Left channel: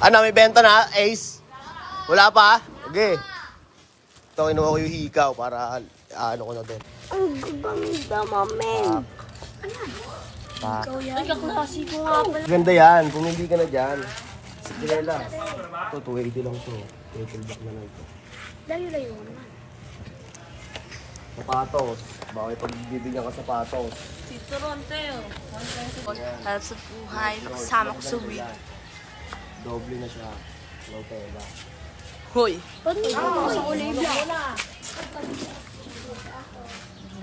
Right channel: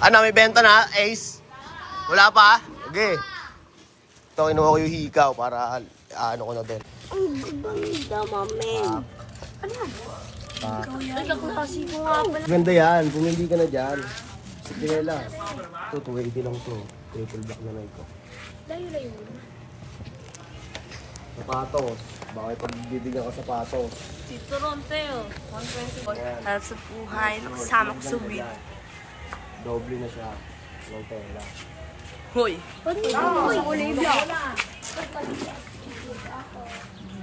Ano, may benta na, Ace? Wala pa? Okay. Ito, kinuha ko yung hikaw para ano ko na din. Ang ganda, mamen. Ano yan? Ikaw yan? Ay, kaklase ko nga pala. Ganda yan, kung hindi ka na dyan. Sige na lang. Ito, 280 lang to. Triple back na ito. Sapatos. Bakit pagbibigyan ka sapatos? Tito Ronteo. 120. Harap sa buhay. Nakasama ko sa week. Doble na siya. Low tela. Hoy. Sa Olivia.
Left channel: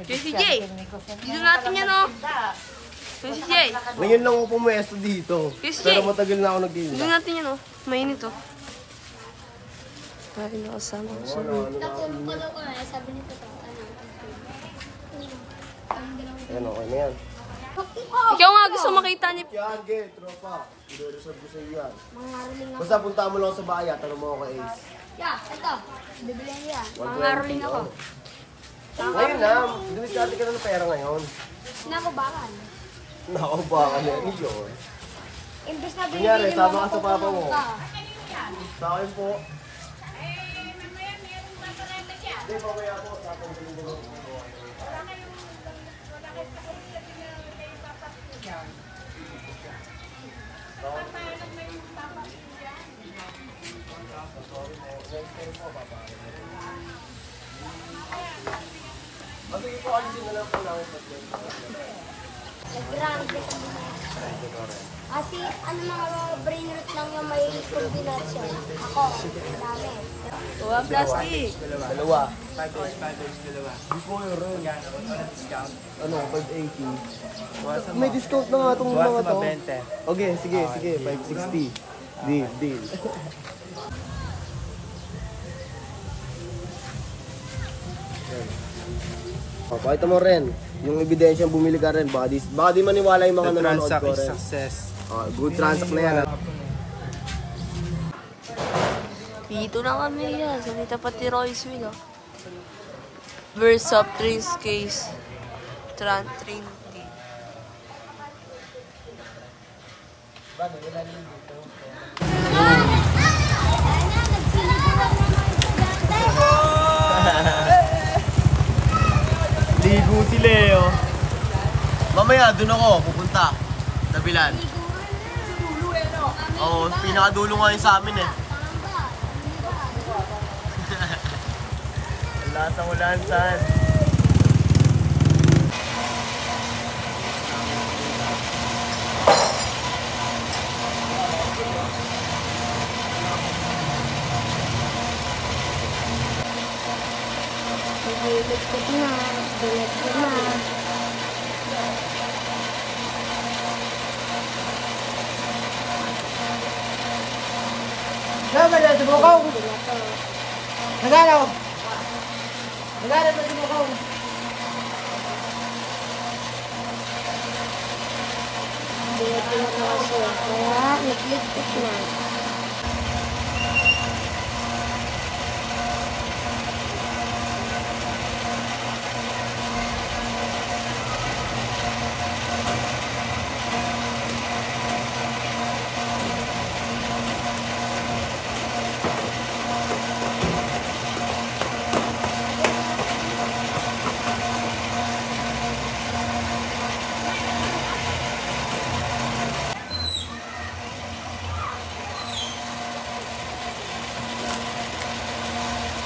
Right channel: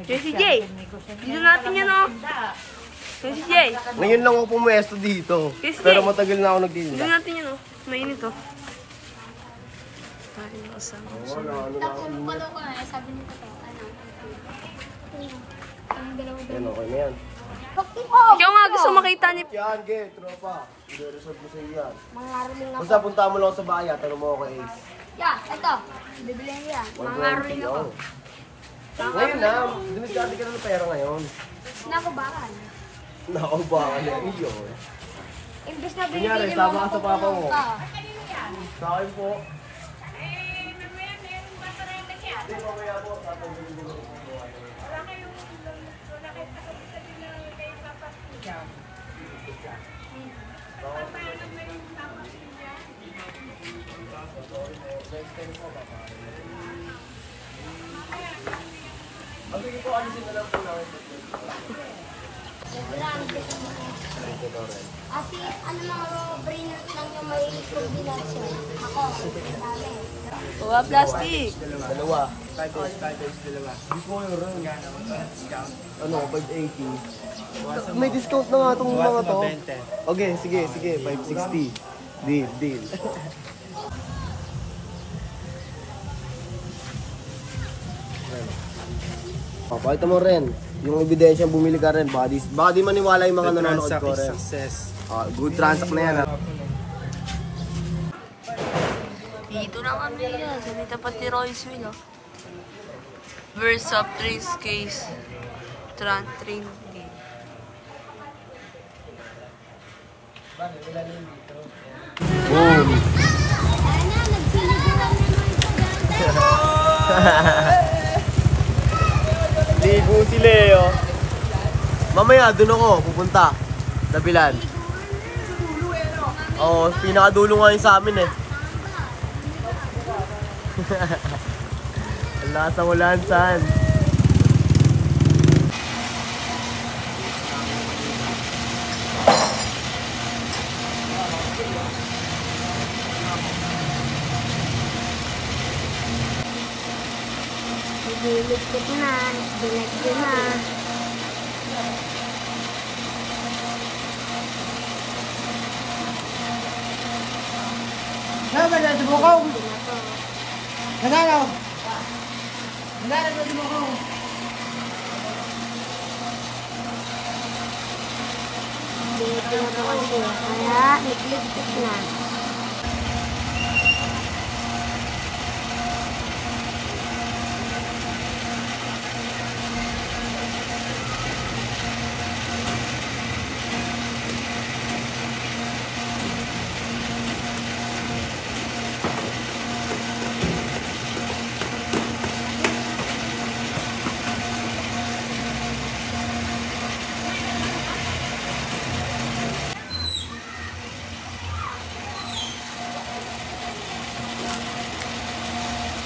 Jessie J. Dito natin yan, oh. Jessie J. Ngayon lang ako pumuesto dito. Pero matagal na ako nagtinda. Dito natin yan, oh. Mainit, oh. Dahil nakasama ko sa week. Ano, okay na yan. Ikaw nga gusto makita niya. Yan, get. Tropa. I-reserve ko sa iyo yan. Basta punta mo lang sa bayan. Tanong mo ako kay Ace. Yeah, ito. Bibilihan niya. Mangaroling ako. Ngayon na. Diniscarte ka ng pera ngayon. Nakubakan. Nakabakan na yun. Imbes na Kunyari, binibili sama mo ka sa papa mo. ka. Sa akin po. Hindi, mamaya po. Tapos bilhin-bilhin ko. Sige po, alisin na lang po lang. Ate, ano mga brain lang yung may combination? Ako, dami. Tuwa plastic. Dalawa. 5 days, dalawa. Hindi po yung rin. Ano, 580. May discount na nga itong mga to. Okay, sige, 560. Deal. Pakita mo rin. Yung ebidensya bumili ka rin. Baka di maniwala yung mga nanonood ko rin. Success. Good transact na yan. Dito na kami yan. Salita pati Royce Will, oh. Versa 3 case. Train. Boom! Ligo si Leo. Mamaya, dun ako pupunta. Dabilan. Oo, pinakadulo nga yun sa amin eh. Nasa walaan saan. Bilit ko na. Saan na sumukaw? Nagano? Nagano na sumukaw? Bilit ko na kasi. Kaya, nagligpit na.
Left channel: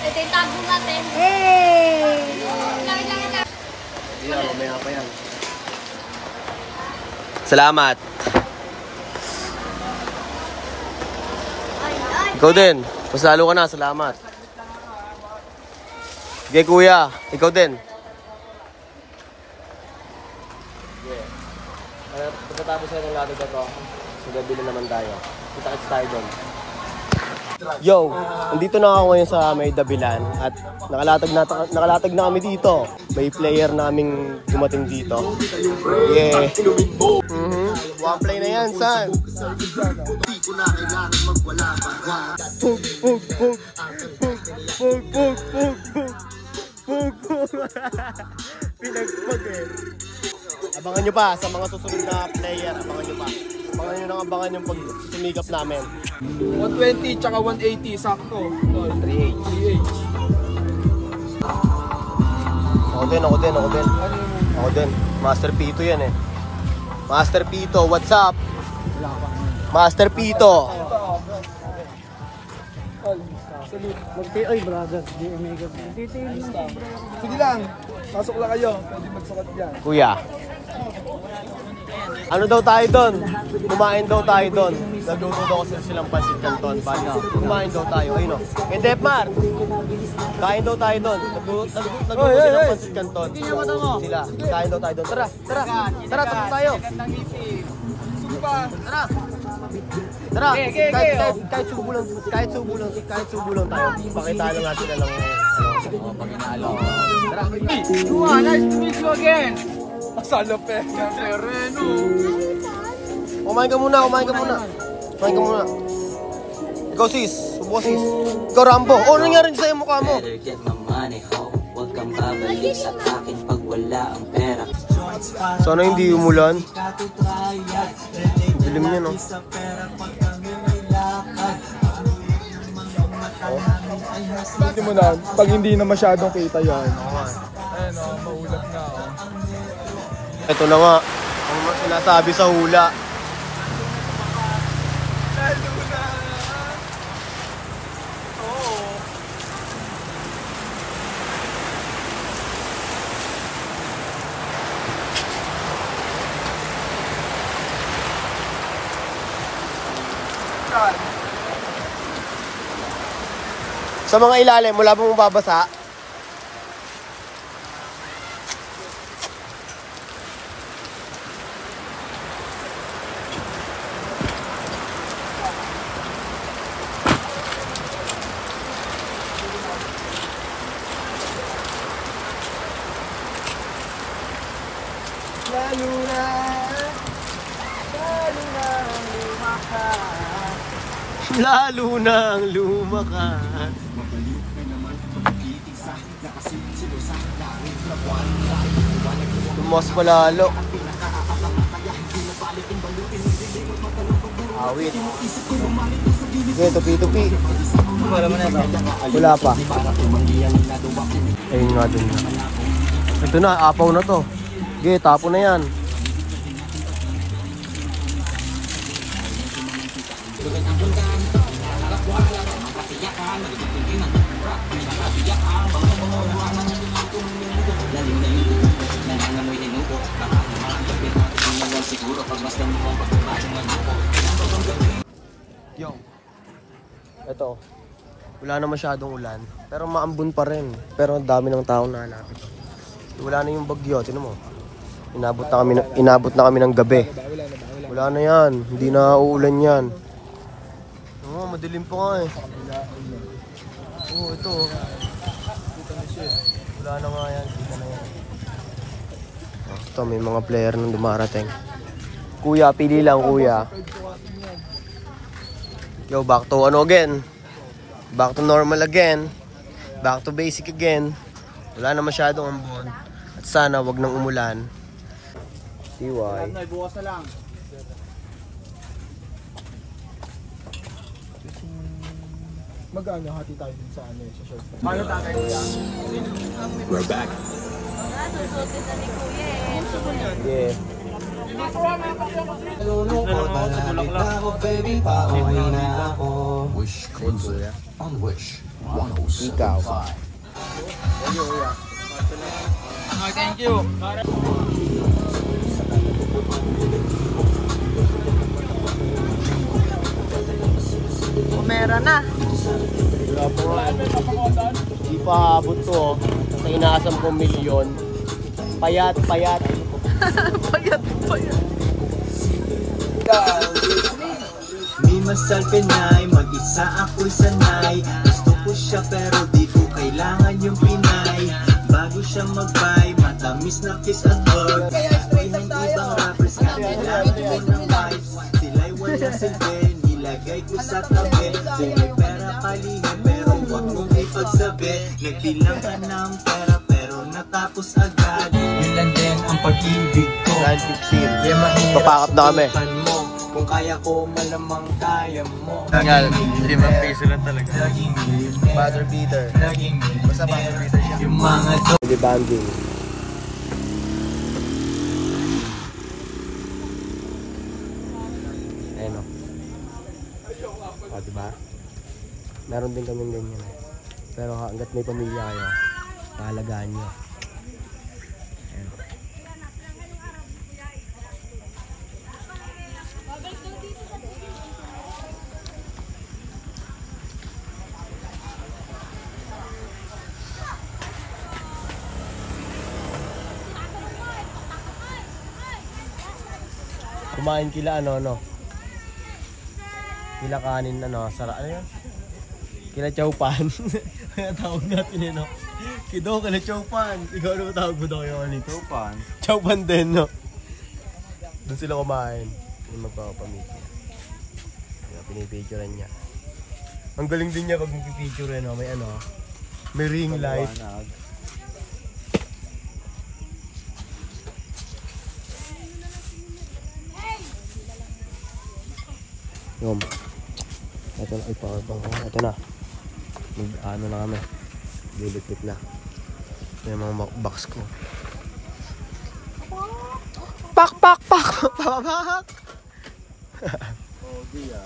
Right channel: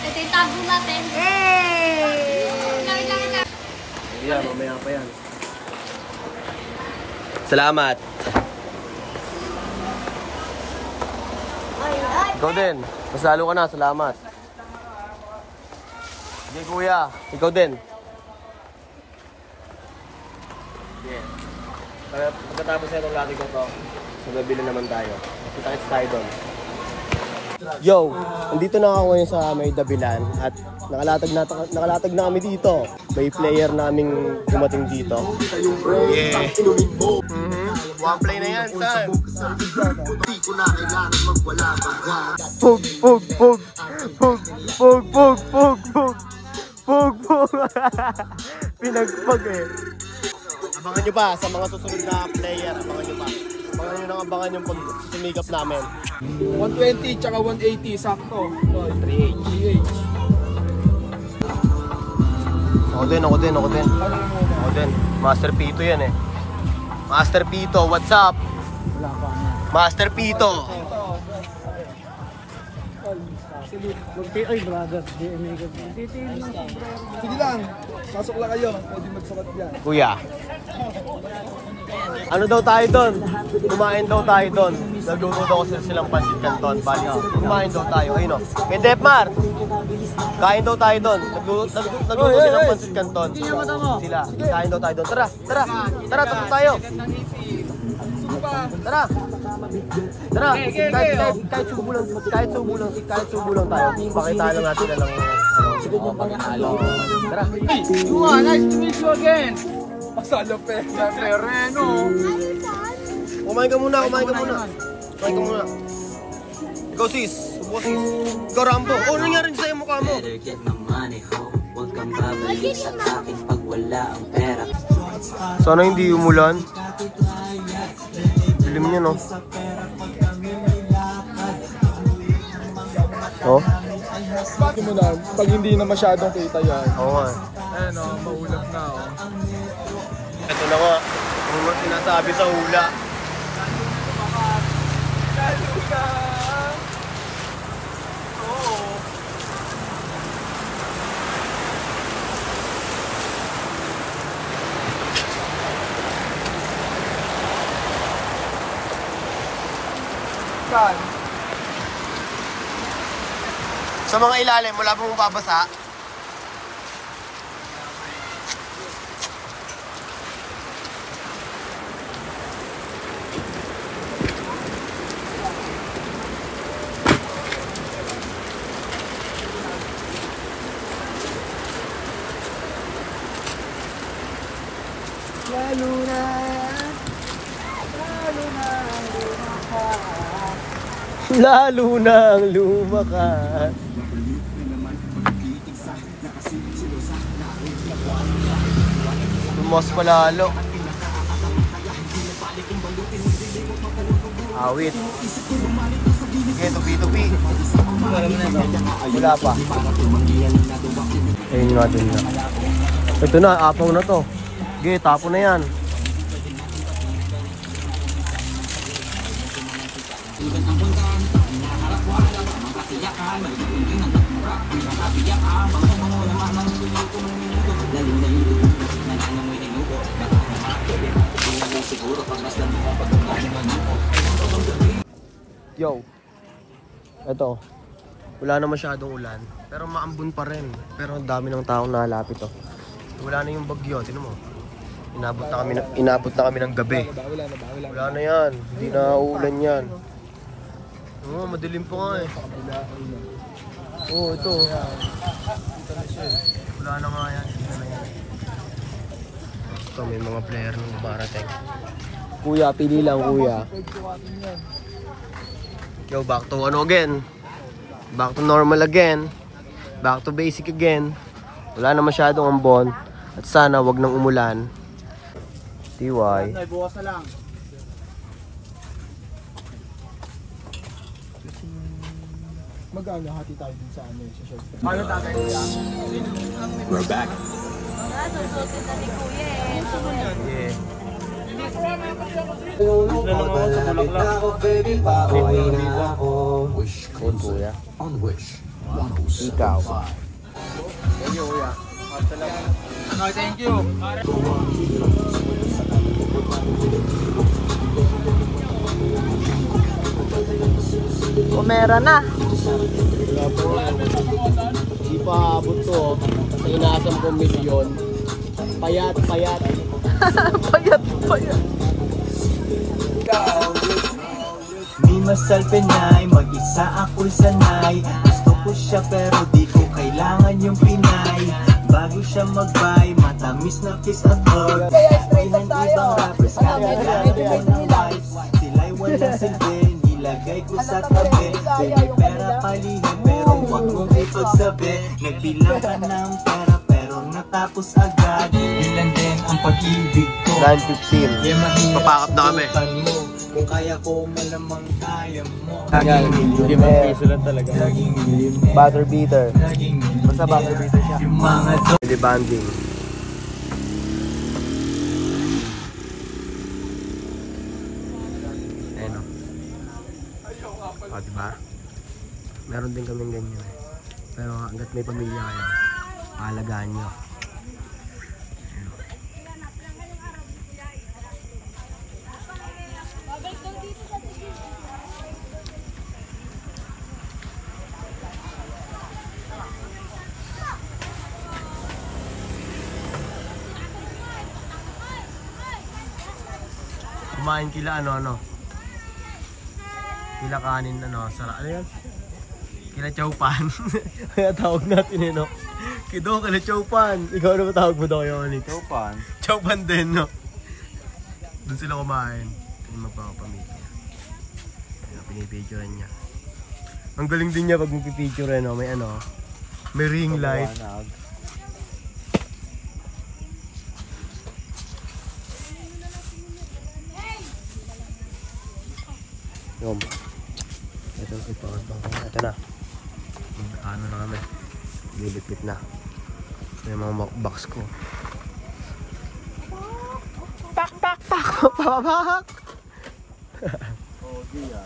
Ito yung tago natin. Hey! Lang. Yeah, mamaya pa yan. Salamat. Ikaw din. Mas lalo ka na. Salamat. Sige kuya. Ikaw din. Yeah. Pagkatapos na itong latag na to, so nabili naman tayo. Kita-kits tayo doon. Yo, nandito na ako ngayon sa may Dabilan at nakalatag na kami dito. May player naming dumating dito. Yeah. One play na yan, son. Pug. Pinagpag eh. Abangan nyo pa sa mga susunod na player. Abangan nyo pa. Abangan nyo nang abangan yung pag sumikap namin. 120 tsaka 180, sakto. 3H. Ako din. Master Pito yan eh. Master Pito, what's up? Master Pito. Mag-TI, brother. Sige lang, pasok lang kayo. Pwede magsukat dyan. Kuya. Ano daw tayo doon? Kumain daw tayo doon. Nagluto daw kasi silang pancit canton. Bali, kumain daw tayo. Ayun o. Kay Depmar. Kain daw tayo doon. Nagluto silang pancit canton. Sila. Kain daw tayo doon. Tara. Tatlo tayo. Tara. Kahit subo lang tayo. Pakita lang natin na lang pagkakalo. Tara. Nice to meet you again. Masala Pereno. Kumain ka muna. Ikaw sis. Subo sis. Ikaw Rambo. Ano nangyari sa'yo mukha mo? Sana hindi umulan. Dilim niya no. Oh? Hindi mo na, pag hindi na masyadong kita yan. Oo nga. Ito na nga. Ang sinasabi sa hula. Sa mga ilalim, wala pong babasa. Lalo na ang lumakas. Tumas palalo. Awit. Sige, tupi-tupi. Wala pa. Ayun nga dun nga. Ito na, apaw na to. Sige, tapo na yan. Yo, ito, wala na masyadong ulan, pero maambon pa rin. Pero ang dami ng taong nahalapit oh. Wala na yung bagyo, tinan mo. Inabot na kami ng gabi. Wala na yan, hindi na uulan yan. Oo, madilim pa nga eh. Oo, ito. Wala na nga yan. Ito, may mga player nang dumarating. Kuya, pili lang kuya. Yo, back to ano again? Back to normal again. Back to basic again. Wala na masyadong ambon. At sana wag nang umulan. TY. Bukas na lang. Mag-ano, hati tayo din sa ano sa short film. Paano tatay kuya? We're back. Susutin na ni Kuya eh. Yeah. Kuya. On Wish 107. Ikaw. Thank you kuya. Okay, thank you. Pumera na. Wala po nga. Di pa abot to oh. Sa inaasam kong milyon. Payat. Payat. Di masalpin niya'y mag-isa ako'y sanay. Gusto ko siya pero di ko kailangan yung Pinay. Bago siya mag-buy, matamis na kiss at hug. Ay ng ibang rappers na sila'y wala silbi, nilagay ko sa tabi. Sige pera palihim pero wag mong ipagsabi. Nagbilang ka ng pera pero natapos agad. Yun lang din ang pag-ibig ko. 9:15. Papakap na kami. Kung kaya ko malamang kaya mo. Tagal, 5 piso lang talaga. Laging ilim, Butter beater. laging Basta butter beater siya. yung mga Hindi banding. Ayan o. O, diba? Meron din kaming ganyan eh. Pero hanggat may pamilya kayo, paalagaan nyo. Ayan o. Kumain kila ano. Kila kanin sarap. Ano yun? Kila chowpan. Kaya tawag natin no. Kido kila chowpan. Ikaw ano tawag mo daw yung ano? Chowpan. Chowpan din no. Doon sila kumain. Yung magpapamilya. Kaya pinipicturean niya. Ang galing din niya pag nagpipicture no. May may ring light. Yun. Ito na ito na. Ano na kami. Lilipit na. Ito yung mga box ko. Pak! Oh, di ah.